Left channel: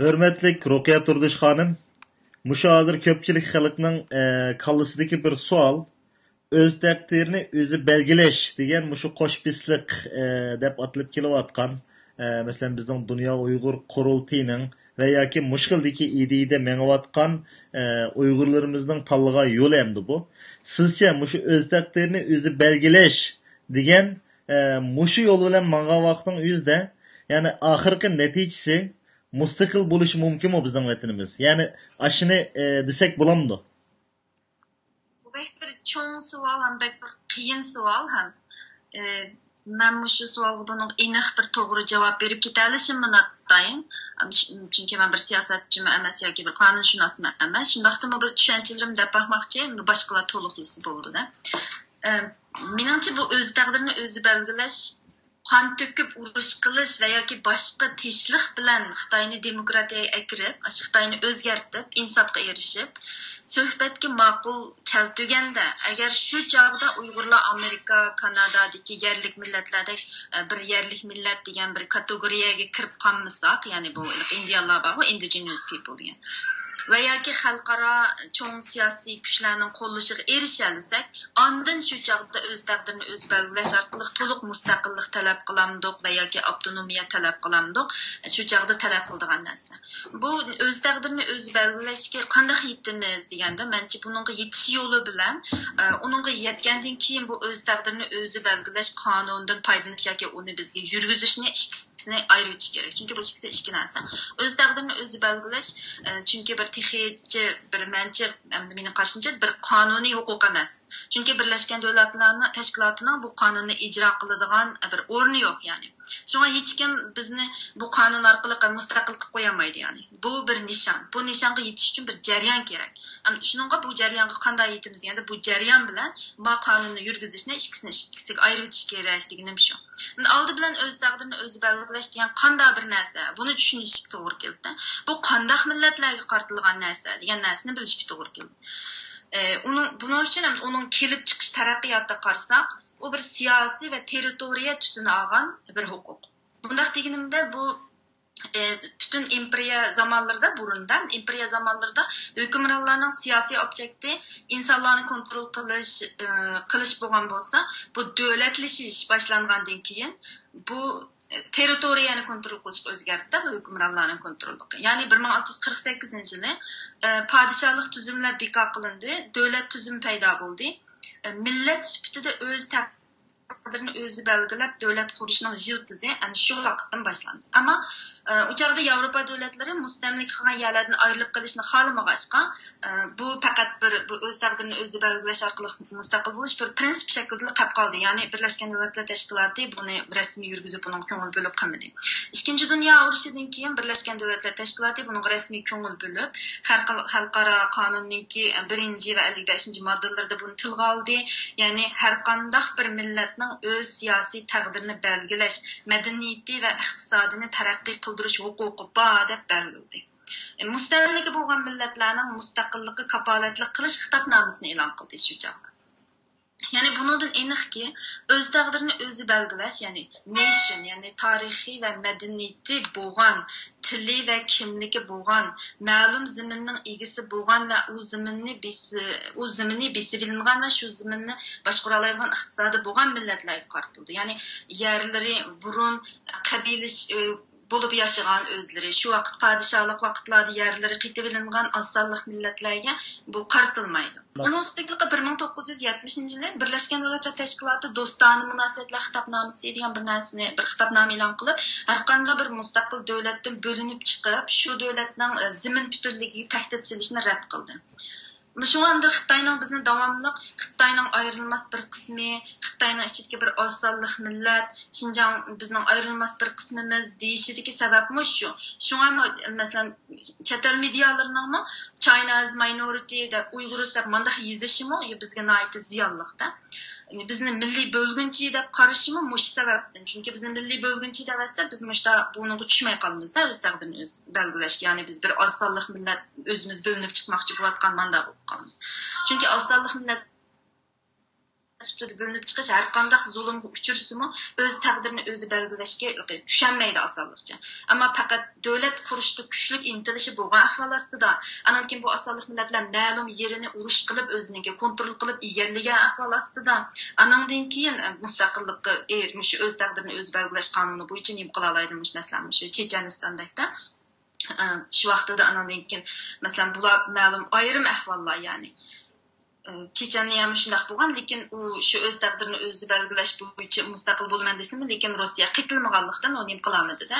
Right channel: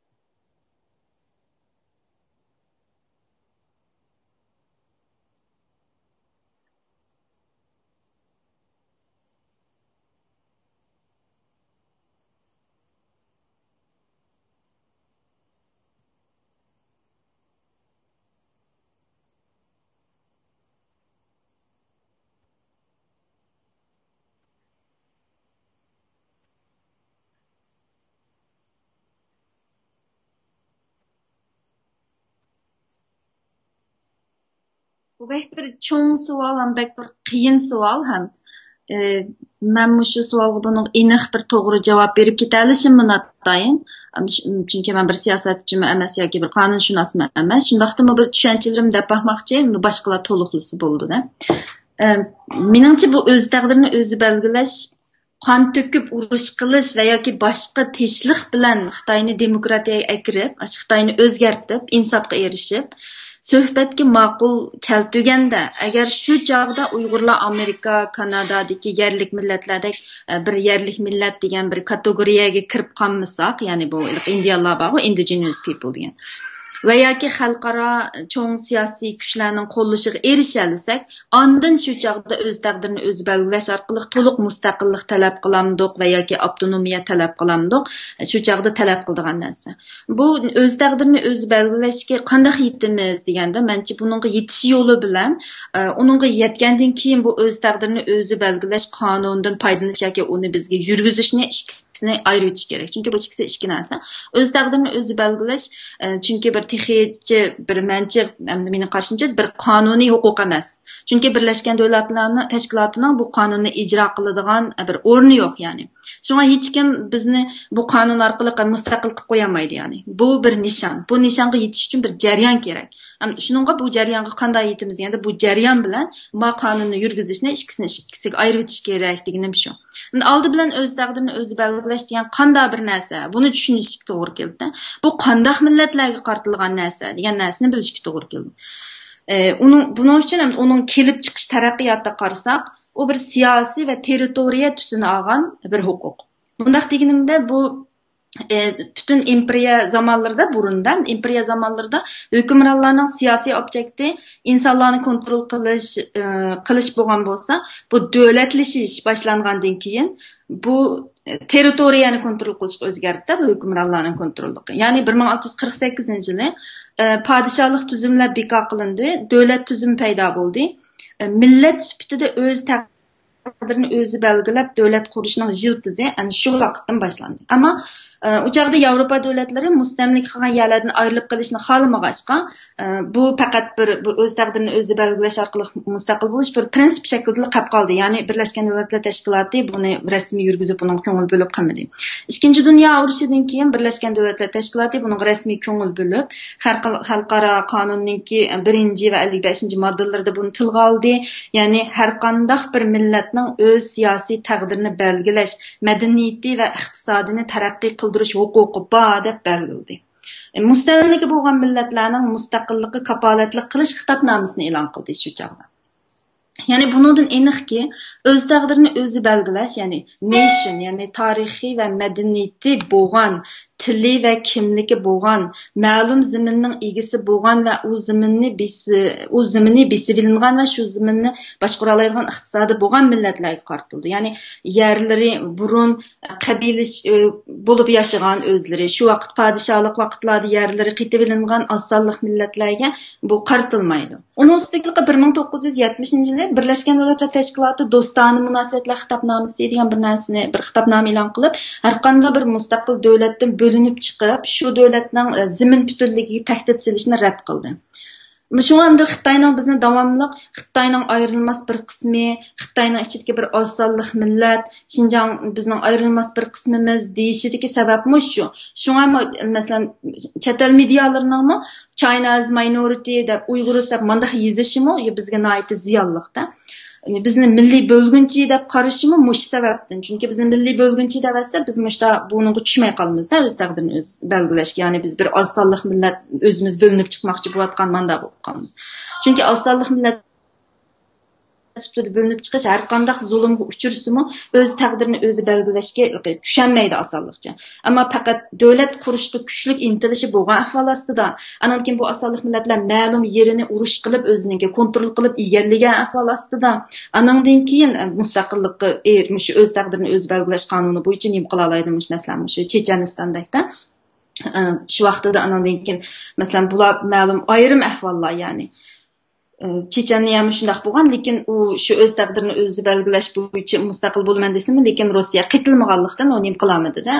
Hürmetlik Rukiya Turdish xonim, mushu hozir ko'pchilik xalqning kallasidagi bir savol, o'z taqdirini o'zi belgilash degan mushu qo'shbisliq deb atilib kelayotgan, masalan bizning Dunyo Uyg'ur qurultiyining va yoki mushkildagi ideyada mengayotgan Uyg'urlarimizning tanlagan yo'li endi bu. Sizcha mushu o'z taqdirini o'zi belgilash degan mushu yo'l bilan mangan vaqtning o'zida, ya'ni oxirgi natijasi mustaqil bo'lishi mumkinmi bizning vatanimiz? Ya'ni ashuni desak bo'lamdi. Bu bir cho'ng savol ham bir qiyin savol ham. Men shu savolga buning aniq bir to'g'ri javob berib keta olishimni natdayin. Chunki men bir siyosatchimi emas yoki bir qonunshunosmi emas. Shundaqda bu tushunchalarimni deb baxmoqchi, boshqalar to'liqlisi bo'ldi-da. Menimcha bu o'z taqdirini o'zi belgilash, qon to'kib urush qilish va yoki boshqa tinchlik bilan Xitoyni demokratiyaga akirib, Xitoyni o'zgartirib, insofga erishib, suhbatga ma'qul keltuganda, agar shu chog'da Uyg'urlar Amerika, Kanadadagi yerlik millatlardek bir yerlik millat degan bir kategoriyaga kirib qolmasak, ya'ni bu indiyalar bor, indigenous people degan va yoki xalqaro cho'ng siyosiy kuchlarning qo'llashiga erisha olsak, ondan shu chog'da o'z taqdirini o'zi belgilash orqali to'liq mustaqillik talab qilamdiq va yoki avtonomiya talab qilamdiq, shu chog'da talab qiladigan narsa. Bu o'z taqdirini o'zi belgilashga qanday yetimiz deganda, menimcha buningga yetish yo'li bilan, uningga yetgandan keyin bu o'z taqdirini o'zi belgilash qonunidan foydalanish yoki uni bizga yurgizishni ikisini ayirish kerak. Chunki bu ikkisi ikki narsa. O'z taqdirini o'zi belgilash, chunki bir texnichi, bir menimcha, mening qarashimcha bir qonuniy huquq emas. Chunki Birlashgan Davlatlar Tashkilotining bu qonunni ijro qiladigan bir o'rni yo'q, ya'ni. Shunga hech kim bizni bu qonun orqali mustaqil qilib qo'ya olmaydi, ya'ni. Bu bir nishon. Bu nishonga yetish uchun bir jarayon kerak. Shuningga bu jarayonga qanday yetimiz, ya'ni bu jarayon bilan bu qonunni yurgizishni ikkisiga ayirish kerak deganim shu. Oldi bilan o'z taqdirini o'zi belgilash degan qanday bir narsa, buni tushunishga to'g'ri keldi. Bu qanday millatlarga qartilgan narsa degan narsani bilishga to'g'ri keldi. Buning uchun ham uning kelib chiqish taraqqiyotida qarasak, u bir siyosiy va territoriya tusini olgan bir huquq. Bundaq deganimda bu bütün imperiya zamanlarida, burundan imperiya zamanlarida hukmronlarning siyosiy objekti insonlarni kontrol qilish bo'lgan bo'lsa, bu davlatlashish boshlangandan keyin bu territoriyani kontrol qilish o'zgardi, bu hukmronlarning kontrolligi. Ya'ni 1648-yili padişahlık tüzümler bekor qilindi, davlat tüzümü paydo bo'ldi. Millat sifatida o'z taqdirini o'zi belgilab davlat qurishning jiltizi ana shu vaqtdan boshlandi. Ammo u chog'da Yevropa davlatlari mustamlik qilgan yerlardan ayrilib qolishni xohlamag'achqa, bu faqat bir o'z taqdirini o'zi belgilash orqali mustaqil bo'lish bir prinsip shaklida qolib qoldi. Ya'ni Birlashgan Davlatlar Tashkiloti buni rasmiy yurgizib, buni ko'ngil bo'lib qilmadi. Ikkinchi dunyo urushidan keyin Birlashgan Davlatlar Tashkiloti buni rasmiy ko'ngil bo'lib, xalqaro qonunninki 1 va 55-moddalarida buni tilga oldi. Ya'ni har qanday bir millatning o'z siyosiy taqdirini belgilash, madaniyati va iqtisodini taraqqiy qildirish huquqi bor deb belgiladi. Mustamlika bo'lgan millatlarning mustaqilligiga kapolatlik qilish xitobnomasini e'lon qildi shu chog'da. Ya'ni bundan aniqki, o'z taqdirini o'zi belgilash, ya'ni nation, ya'ni tarixiy va madaniyati bo'lgan, tili va kimligi bo'lgan, ma'lum zaminning egasi bo'lgan va u zaminni besilingan va shu zaminni boshqara oladigan iqtisodi bo'lgan millatlarga qartildi. Ya'ni yerlari burun qabilash bo'lib yashagan o'zlari, shu vaqt podshohlik vaqtlarda yerlari qitib ilingan osonlik millatlarga bu qartilmaydi. Uning ustiga 1970-yili Birlashgan Davlatlar Tashkiloti do'stona munosabatlar xitobnomasi degan bir narsani, bir xitobnoma e'lon qilib, har qanday bir mustaqil davlatdan bo'linib chiqib, shu davlatning zamin butunligiga tahdid solishni rad qildi. Shuningdek, Xitoyning bizni davomli Xitoyning ayrilmas bir qismi, Xitoyning ichidagi bir oz sonli millat, Xinjiang bizning ayrilmas bir qismimiz deyishidagi sababmi shu. Shunga masalan, chet el medialarining China as minority deb Uyg'urlar deb mendaq yozishimi bizga nihoyat ziyonliqda. Bizni milliy bo'lgunchi deb qarashimi mush sababdan. Chunki bizni milliy bo'lgunchi deb asal biz mushda bunga tushmay qolamiz, o'z taqdirini o'z belgilash. Ya'ni biz bir oz sonli millat o'zimiz bo'linib chiqmoqchi bo'layotgan manda bo'lib qolamiz. Chunki oz sonli millat sütüdü bölünüp çıkış her qandaq zulümgə uçursımı öz təqdirini özü belgiləşkə düşənməydi asallıqca. Amma faqat dövlət quruşda güclük intilişi bolğan ahval astida, anan keyin bu asallık milletlər ma'lum yerini uruş qılıb özününki kontrol qılıb egallagan ahval astida, anandan keyin mustaqillikqa ermiş öz təqdirini öz belgiləş qanunu bo'yicha nim qila oladimiş masalan shu Chechenistondakda şu vaqtida anandan keyin masalan bular ma'lum ayrim ahvollar ya'ni Checheniya ham shunday bo'lgan, lekin u shu o'z taqdirini o'zi belgilash bo'yicha mustaqil bo'lman desimi, lekin Rossiya qitilmaganlikdan uni qilamadi-da,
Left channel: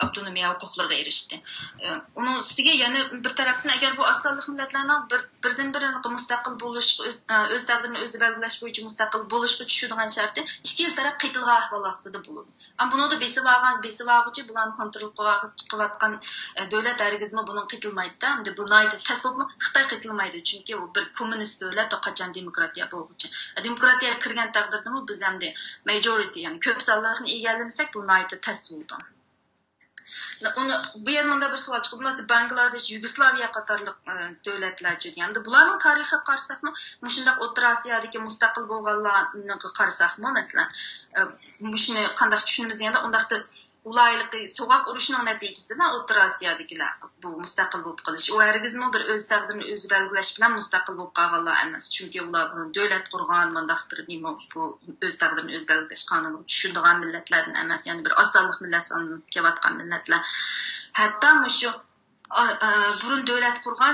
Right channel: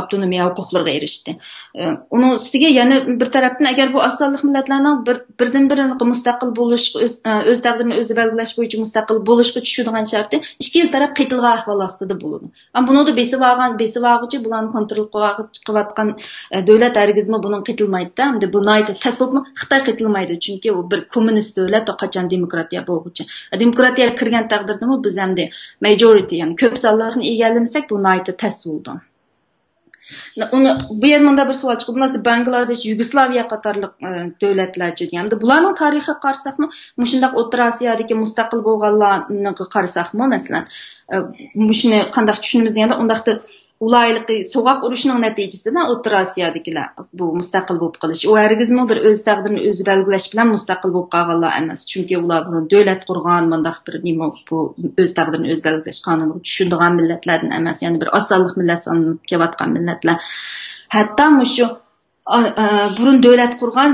avtonomiya huquqlariga erishdi. Uning ustiga yana bir tarafdan agar bu asonlik millatlarning birdan-birini mustaqil bo'lish, o'z taqdirini o'zi belgilash bo'yicha mustaqil bo'lishga tushadigan sharti ikki taraf qitilgan ahvol ostida bo'ladi. Ammo buni besivag'ichi bularni kontrol qilayotgan davlat hargizmi buni qitilmaydi-da. Endi buni tasavvurmi Xitoy qitilmaydi, chunki u bir kommunist davlat qachon demokratiya bo'lguchi. Demokratiya kirgan taqdirda biz hamda majority, ya'ni ko'p sonlarni egallamasak bu nayta tasavvurdan. Uni bu yerda bir savol chiqib, bunisi Bangladesh, Yugoslaviya qatorliq davlatlar jo'gan. Bularning tarixiga qarasaqmi, mushundaq O'rta Osiyodagi mustaqil bo'lganlarni qarasaqmi, masalan, mushuni qanday tushunamiz deganda, undaqda ulaylıqı soğaq uruşunun nəticəsində O'rta Osiyadagilar bu mustaqil bo'lib qilish. O hargizmi bir öz taqdirini o'zi belgilash bilan mustaqil bo'lib qolganlar emas. Chunki ular buni davlat qurgan, bundaq bir nima bu öz taqdirini o'zi belgilash qonuni tushundigan millatlardan emas, ya'ni bir osonlik millat sanalib kelayotgan millatlar. Hatto mushu burun davlat qurgan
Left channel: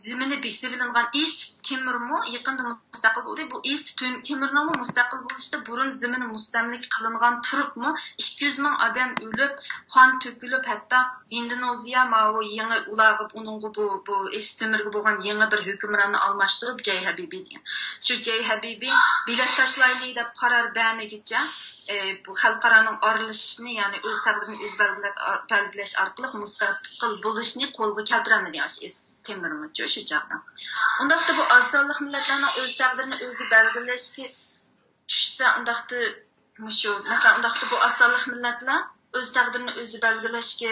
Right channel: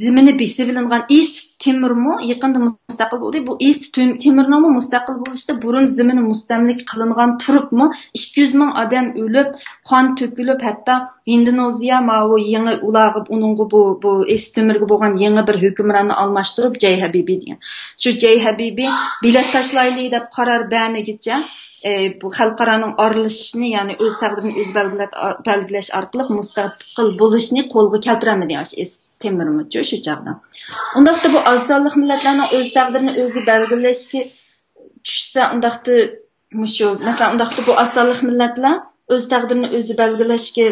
zimini besib bilingan East Timormu yaqinda mustaqil bo'ldi. Bu East Timormu mustaqil bo'lishda burun zimini mustamlik qilingan turibmi 200 ming odam o'lib, qon to'kilib, hatto Indoneziya ma'u yangi ulag'ib uningga bu East Timorga bo'lgan yangi bir hukmronni almashtirib Jay Habibi degan. Shu Jay Habibi bilet tashlayli deb qaror bermagicha bu xalqaraning aralashishini, ya'ni o'z taqdirini o'z belgilash orqali mustaqil bo'lishni qo'lga keltiramadi Temurmucho shu chaqda. Undaqda bu ozonlik millatlarning o'z taqdirini o'zi belgilashga tushsa, undaqda mushu masalan undaqda bu ozonlik millatlar o'z taqdirini o'zi belgilashga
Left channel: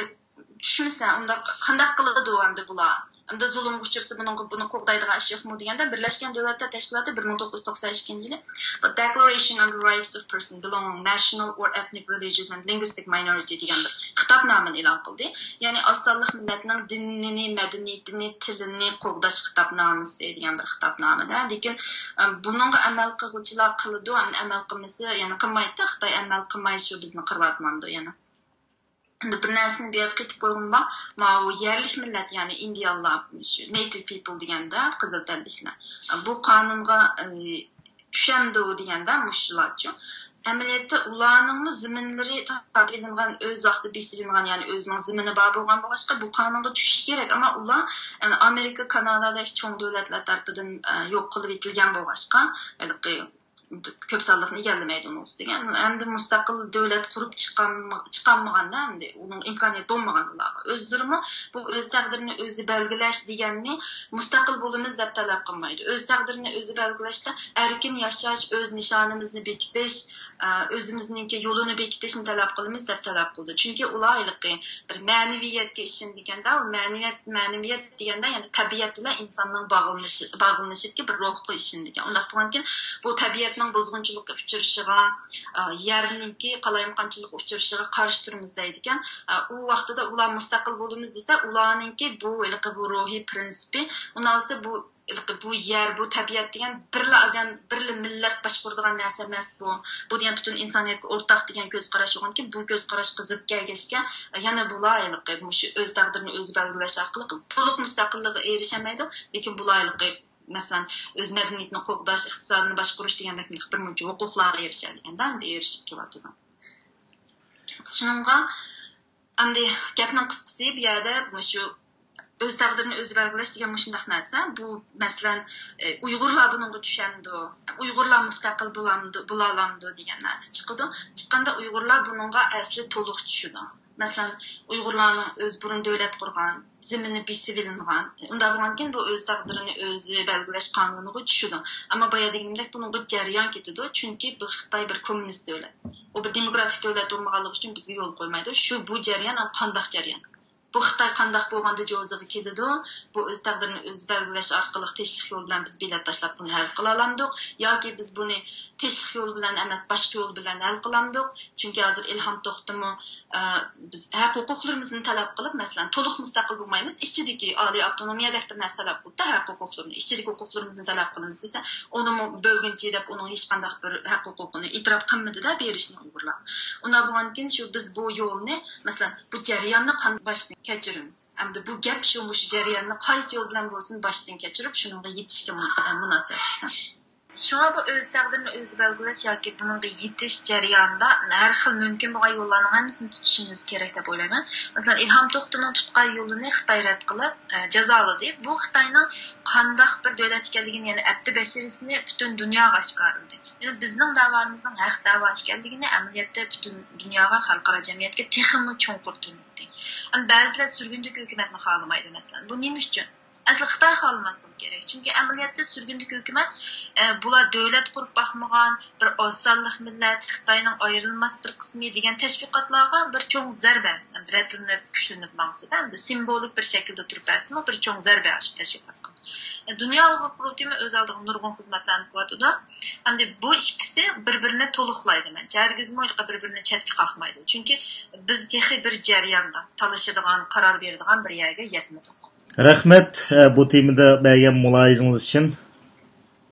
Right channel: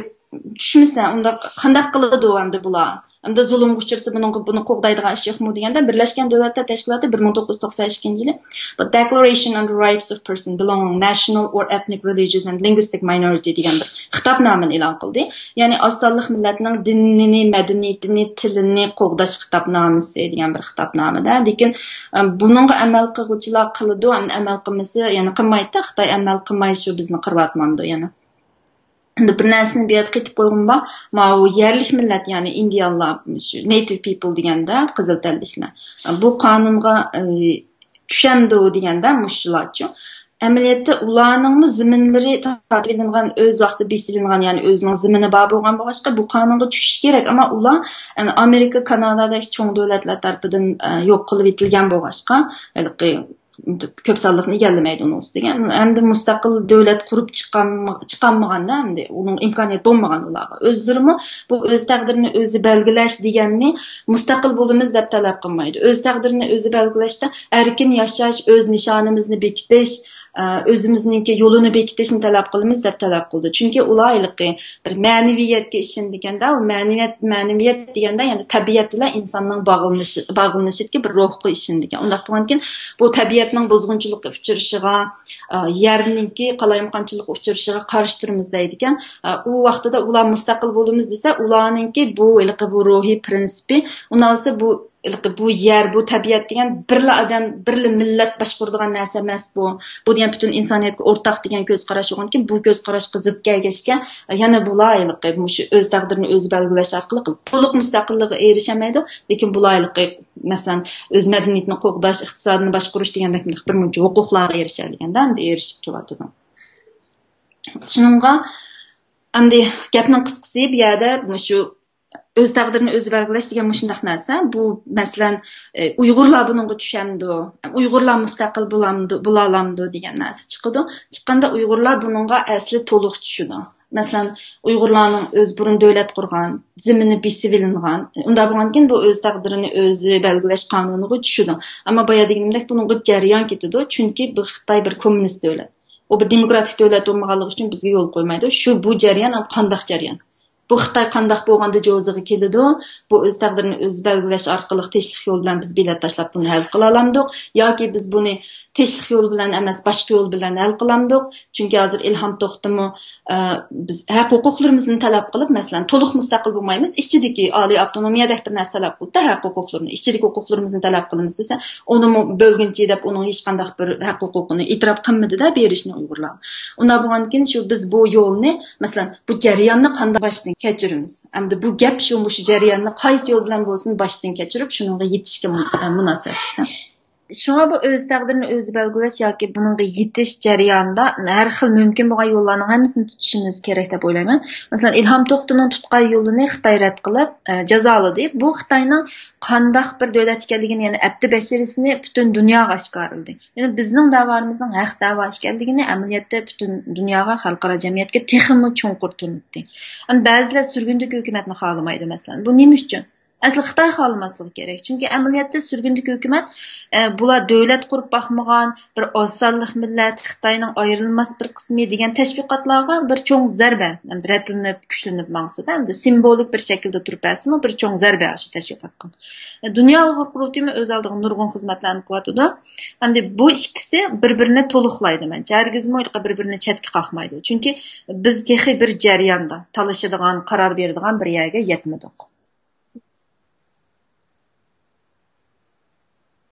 tushmasa, unda qanday qiladi endi bular? Endi zulm uchirsa buni qo'g'daydigan ish yo'qmi deganda Birlashgan Davlatlar Tashkiloti 1992-yili The Declaration on the Rights of Person Belonging National or Ethnic, Religious and Linguistic Minority degan bir xitobnomani e'lon qildi. Ya'ni ozonlik millatning dinini, madaniyatini, tilini qo'g'dash xitobnomasi degan bir xitobnomada. Lekin buningga amal qiluvchilar qiladi, amal qilmasa, ya'ni qilmaydi, Xitoy amal qilmaydi, bizni qirvatmamdi yana. Bir narsani bu yerga ketib qo'yganba, ma'u yerlik millat, ya'ni indiyalar, native people deganda qizil tanliklar. Bu qonunga tushamdi deganda mushlarchi. Amaliyotda ularning ziminlari taqdirlangan, o'z vaqtida besilingan, ya'ni o'zining zimini bor bo'lgan boshqa bu qonunga tushish kerak, ammo ular Amerika, Kanadadagi cho'ng davlatlar tomonidan yo'q qilib etilgan boshqa, ko'p sonliqni egallamaydi uning ustiga. Endi mustaqil davlat qurib chiqanmaganda, endi uning imkoniyati bo'lmagan ularga. O'zlari bu o'z taqdirini o'zi belgilash deganni mustaqil bo'limiz deb talab qilmaydi. O'z taqdirini o'zi belgilashda erkin yashash, o'z nishonimizni bekitish, o'zimizningki yo'lini bekitishni talab qilamiz deb talab qildi. Chunki ulayliqi bir ma'naviyatga ishindikanda, u ma'naviyat deganda ya'ni tabiat bilan insonning bog'lanishidagi bir ruhga ishindikan. Undaq bo'lgankin, bu tabiatning buzg'unchilikka uchrashiga, yerninki qalayimqonchilikka uchrashiga qarshi turamiz deydigan. U vaqtida ular mustaqil bo'lamiz desa, ularningki bu ruhiy prinsipi, undan bu yer, bu tabiat degan birla odam, birla millat boshqaradigan narsa emas bu. Bu degan butun insoniyatga o'rtaq degan ko'z qarash bo'lganki, bu ko'z qarashga zid kelgachga yana bulayliqi shu o'z taqdirini o'zi belgilash orqali to'liq mustaqillikka erishamaydi, lekin bulayliqi masalan o'z madaniyatini qo'g'dash, iqtisodni boshqarish degandek bir muncha huquqlarga erishadigan-da, endi erishib keladi. Shuningga endi gapning qisqasi bu yerda shu o'z taqdirini o'zi belgilash degan shundaq narsa. Bu masalan Uyg'urlar buningga tushamdi, Uyg'urlar mustaqil bo'lalamdi degan narsa chiqadi. Chiqqanda Uyg'urlar buningga asli to'liq tushadi. Masalan, Uyg'urlarning o'z burun davlat qurgan, zimini besib ilingan, unda bo'lgankin bu o'z taqdirini o'zi belgilash qonuniga tushadi. Ammo boya deganimdek buningga jarayon ketadi, chunki bu Xitoy bir kommunist davlat. U bir demokratik davlat bo'lmaganligi uchun bizga yo'l qo'ymaydi. Shu bu jarayon qanday jarayon? Bu Xitoy qandaq bo'lganda jo'ziga keladi, bu o'z taqdirini o'zi belgilash orqali tinchlik yo'l bilan biz bilet tashlab buni hal qila olamiz yoki biz buni tinchlik yo'l bilan emas boshqa yo'l bilan hal qilamiz. Chunki hozir Ilhom To'xtimi biz haq huquqlarimizni talab qilib, masalan, to'liq mustaqil bo'lmaymiz, ichidagi oliy avtonomiyadagi bir narsalar qilib, haq huquqlarini, ichidagi huquqlarimizni talab qilamiz desa, uni bo'lguncha deb uning hech qanday bir haq huquqini e'tirof qilmadi-da berishni Uyg'urlar. Unda bo'lgandan keyin shu biz bu yo'lni, masalan, bu jarayonni qanday boshdan kechiramiz? Endi bu gap shu jarayonni qaysi yo'l bilan bo'lsin boshdan kechirib, shunga yetishga munosib. Şuna bu öz taqdirini o'zi belgilash yoki buningga yetish jarayonida har xil mumkin bo'lgan yo'llarning hammasini tutishimiz kerak deb o'ylayman. Masalan, Ilhom To'xtining tutgan yo'lini Xitoy rad qilib, jazoladi. Bu Xitoyning qandaq bir davlat ekanligini, ya'ni abdi basharasini butun dunyoga oshkorladi. Ya'ni bizning da'voimizning haq da'vo ekanligini amaliyotda butun dunyoga, xalqaro jamiyatga texnik cho'nqur tunitdi. Ba'zilar surgundagi hukumatni xohlamaydi masalan. Bu nima uchun? Asli Xitoy xohlamasligi kerak. Chunki amaliyotda surgundagi hukumat bular davlat qurib baxmagan bir ozsonlik millat, Xitoyning ayrilmas bir qismi degan tashviqotlarga bir cho'ng zarba, ratlanib, kuchlanib maqsad, endi simbolik bir shaklda turib asmi bir cho'ng zarba ashi tashviqotga. Dunyo huquq qurultiyi o'z oldiga nurg'un xizmatlarni qilyotdi. Endi bu ikkisi bir-birini to'liqlaydi. Mencha hargizmi bir-birini chetga qoqmaydi. Chunki biz texi bir jarayonda talashadigan, qaror beradigan bir yerga yetmadik. Rahmat bu temada bergan mulohazaningiz uchun.